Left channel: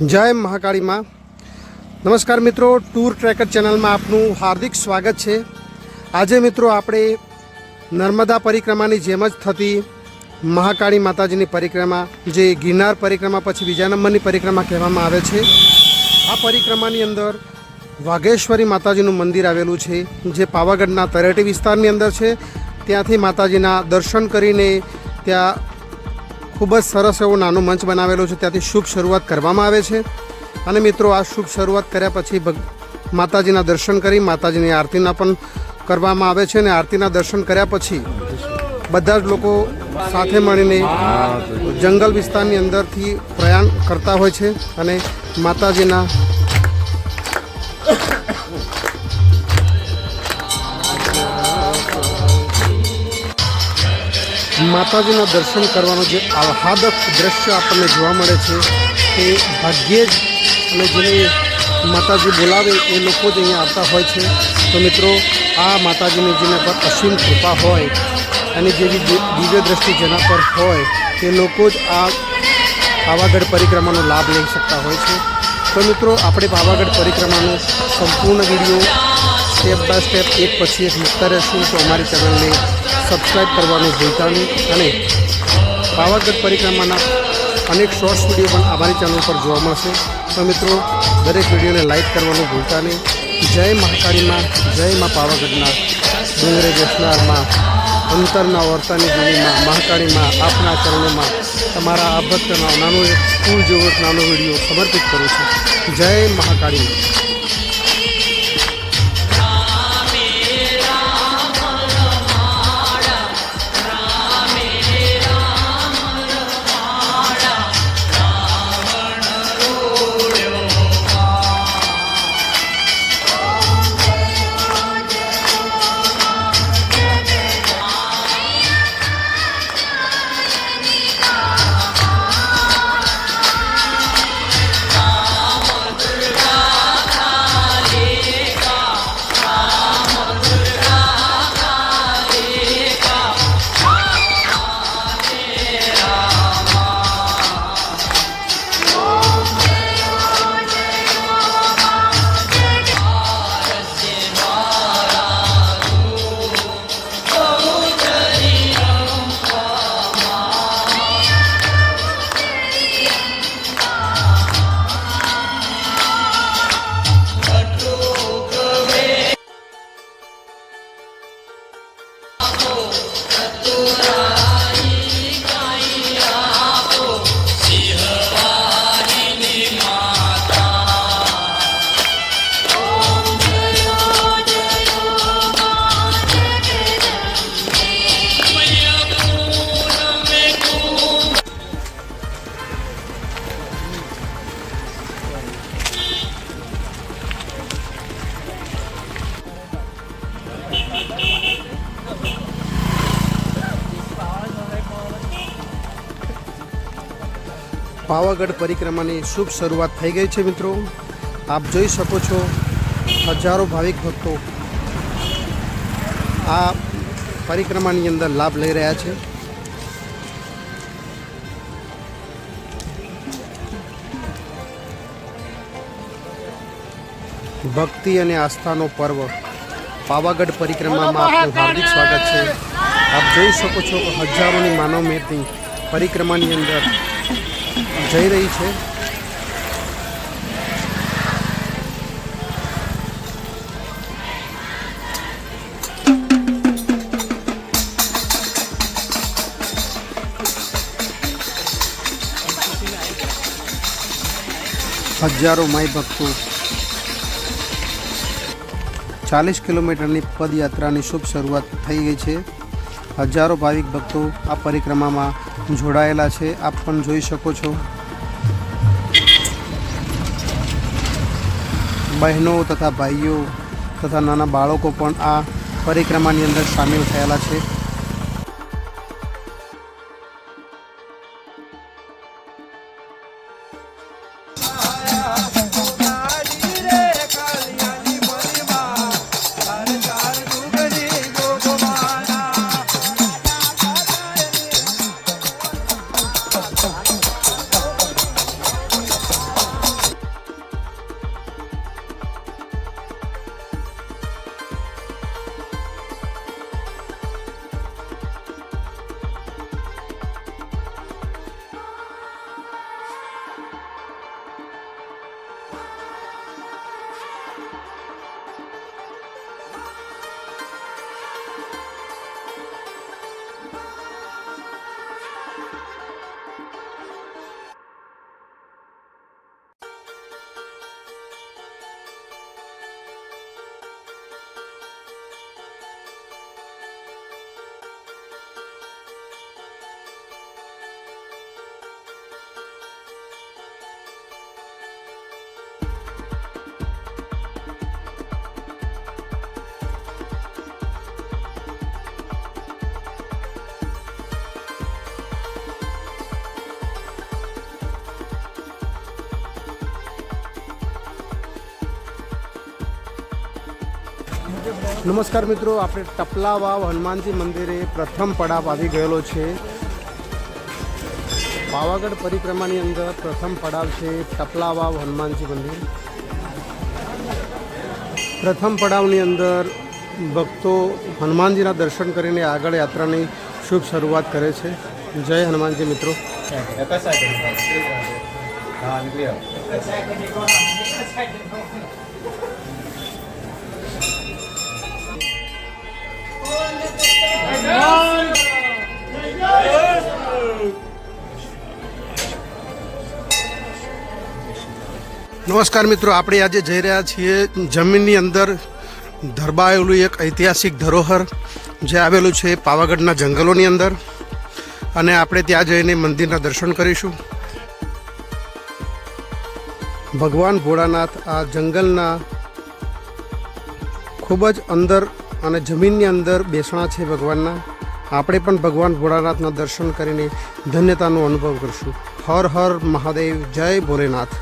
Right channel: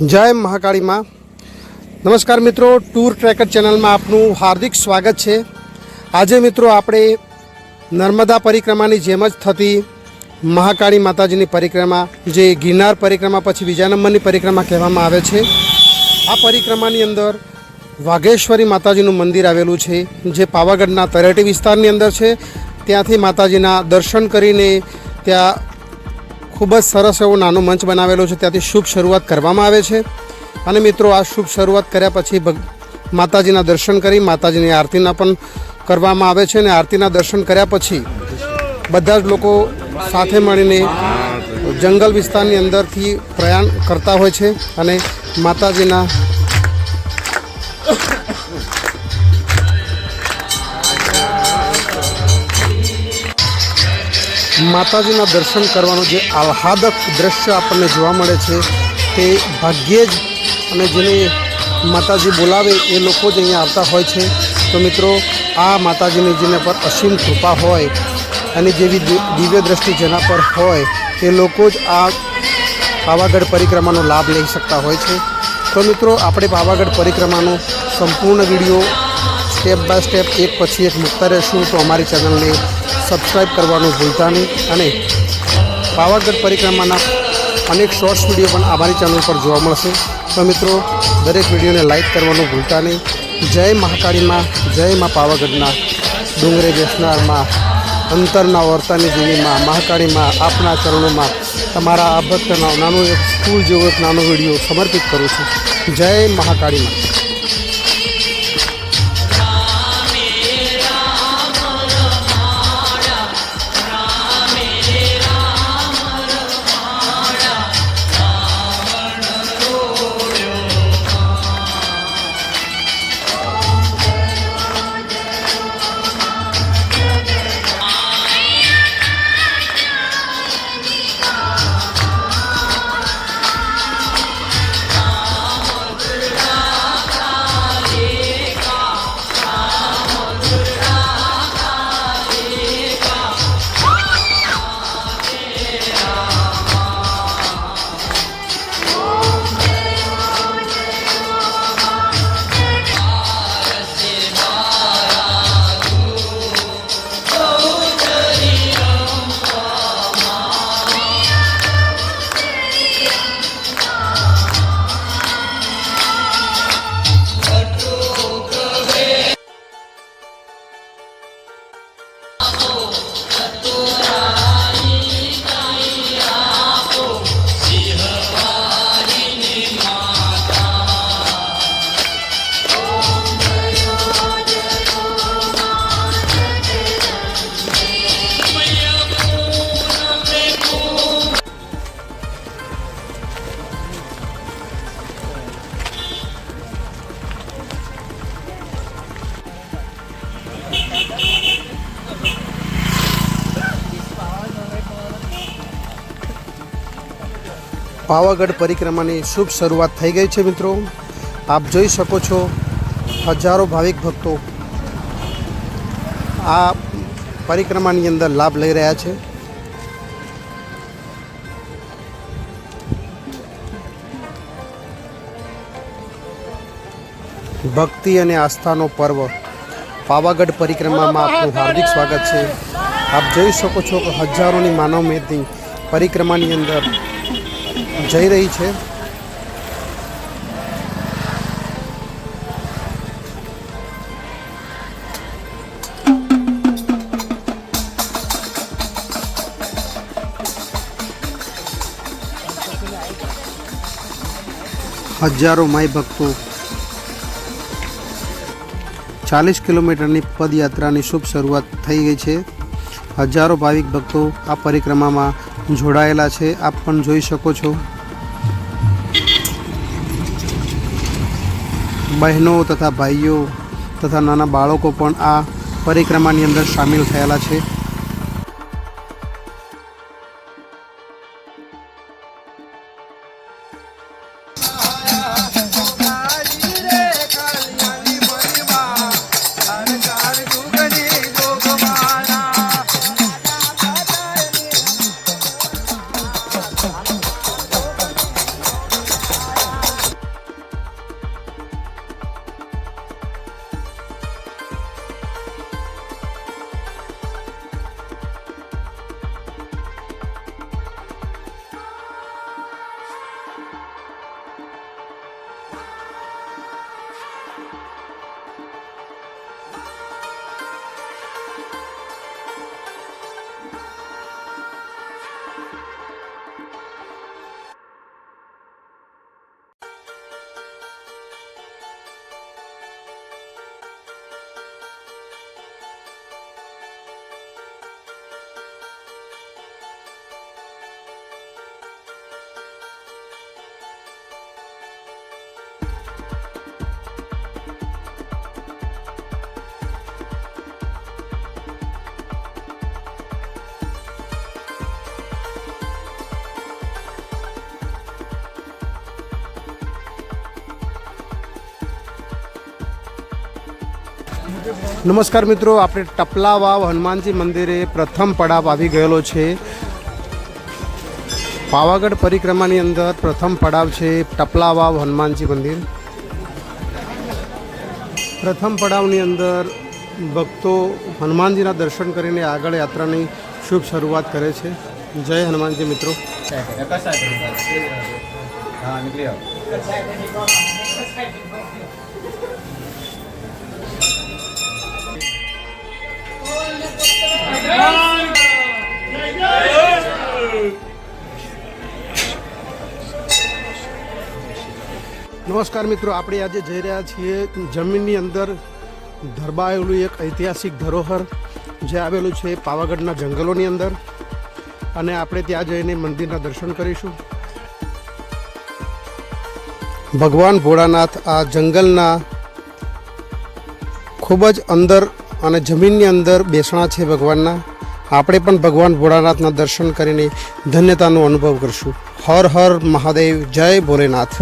જય મહાકાળી માં। નમસ્કાર મિત્રો, ટૂર ટ્રેકર ચેનલમાં આપનું હાર્દિક સ્વાગત છે। આજે મિત્રો આપણે નર્મદા પરિક્રમાની જેમ જ થતી મહાકાળી માતાજીની પરિક્રમા, જે ગિરનાર પરિક્રમા પછી બીજા નંબરની પરિક્રમા કહેવામાં આવે છે। આ પરિક્રમાની અંદર વાઘેશ્વરી માતાજીનું મંદિર આવેલું છે, જે પાવાગઢના તળેટી વિસ્તારની અંદર છે। ત્યાંથી માતાજીના દર્શન કરીને ત્યાં ખૂબ જ સરસ એવો નાનો મંચ બનાવેલો છે, ત્યાંથી શુભ શરૂઆત કરવામાં આવે છે। અને મિત્રો આ શુભ શરૂઆત કર્યા પછી માતાજીના દર્શન કરી માતાજીની આરતીના પણ કરવામાં આવે છે। અને આરતીના દર્શન કર્યા પછી બધા જ લોકો સાથે મળીને જંગલ વિસ્તારની અંદરથી પ્રયાણ કરતા હોય છે અને માતાજીના દર્શન કરવાનું જે આહ્લાદક દ્રશ્ય આપણને જોવા મળે છે તે ભાગ્યે જ અને જેને માતાજી બોલાવે એ લોકો જ અહીંયા આવતા હોય છે। તો મિત્રો આ માતાજીની જેના પર અસીમ કૃપા હોય અને જેવી દિવ્ય દ્રષ્ટિ જેના પર હોય એ લોકો જ આ પાવાગઢ પરિક્રમાનો લાભ લઈ શકતા હોય છે। તો મિત્રો આપણે પાવાગઢ પરિક્રમાનો સંપૂર્ણ વિડીયો સ્ટેપ બાય સ્ટેપ એક પછી એક મૂકતા રહેશું। તો અમારી ચેનલને સબસ્ક્રાઈબ કરવાનું ભૂલતા નહીં અને પાવાગઢ પરિક્રમાના અનેક શોર્ટ્સ વિડીયો પણ અમારી ચેનલ પર જોવા મળશે। તો મિત્રો દરેક વિડીયોને લાઈક કરવાનું ભૂલતા નહીં। જય મહાકાળીમાં, જય મા પાવાગઢના ડુંગરે બેસનારમાં, અંતરના વર્તાની જૂનીમાં મહાકાળીમાં આપના ચરણોમાં તમારા આ ભક્તના નાનો એક સ્કૂલ જેવો એક નાનો વિડીયો સમર્પિત કરું છું। જય મહાકાળીમાં। પાવાગઢ પરિક્રમાની શુભ શરૂઆત થઈ ગઈ છે મિત્રો। આપ જોઈ શકો છો હજારો ભાવિક ભક્તો આ પરિક્રમાની અંદર લાભ લઈ રહ્યા છે। ભક્તિ અને આસ્થાનો પર્વ પાવાગઢ પરિક્રમામાં આપનું હાર્દિક સ્વાગત છે। આપ જોઈ શકો છો કે હજારોની માનવ મેદની પરિક્રમાની અંદર જઈ રહી છે। હજારો માઈ ભક્તો 40 કિલોમીટરની પદયાત્રાની શુભ શરૂઆત થઈ ગઈ છે। હજારો ભાવિક ભક્તો આ પરિક્રમામાં જોડાયેલા છે, આપ પણ જોઈ શકો છો। બહેનો તથા ભાઈઓ તથા નાના બાળકો પણ આ પરિક્રમાની અંદર સામેલ થયેલા છે। નમસ્કાર મિત્રો, આપણે ટપલા વાવ હનુમાનજી મંદિરે પ્રથમ પડાવ આવી ગયેલો છે. પાવાગઢ પરિક્રમાની અંદર પ્રથમ પડાવ છે ટપલા વાવ હનુમાનજી મંદિર. પ્રથમ પડાવની અંદર ભક્તો હનુમાનજીના દર્શન કરીને આગળ યાત્રાની શુભ શરૂઆત કરે છે. જય હનુમાનજી મિત્રો. નમસ્કાર મિત્રો, આપણે આજે જઈ રહ્યા છીએ જમીનની અંદર ધરબાયેલું એક ઐતિહાસિક ધરોહર જે આવેલું છે પાવાગઢના જંગલોની અંદર, અને આપણે ત્યાં જઈને મંદિરના દર્શન કરીશું. ભગવાન ભોળાનાથ આ જંગલના ખૂબ જ અંદર અને જમીનની અંદર બેસણા છે ભગવાનના. આપણે પણ ભગવાન ભોળાનાથના દર્શન કરીને ધન્યતાનો અનુભવ કરશું. હર હર મહાદેવ, જય ભોલેનાથ.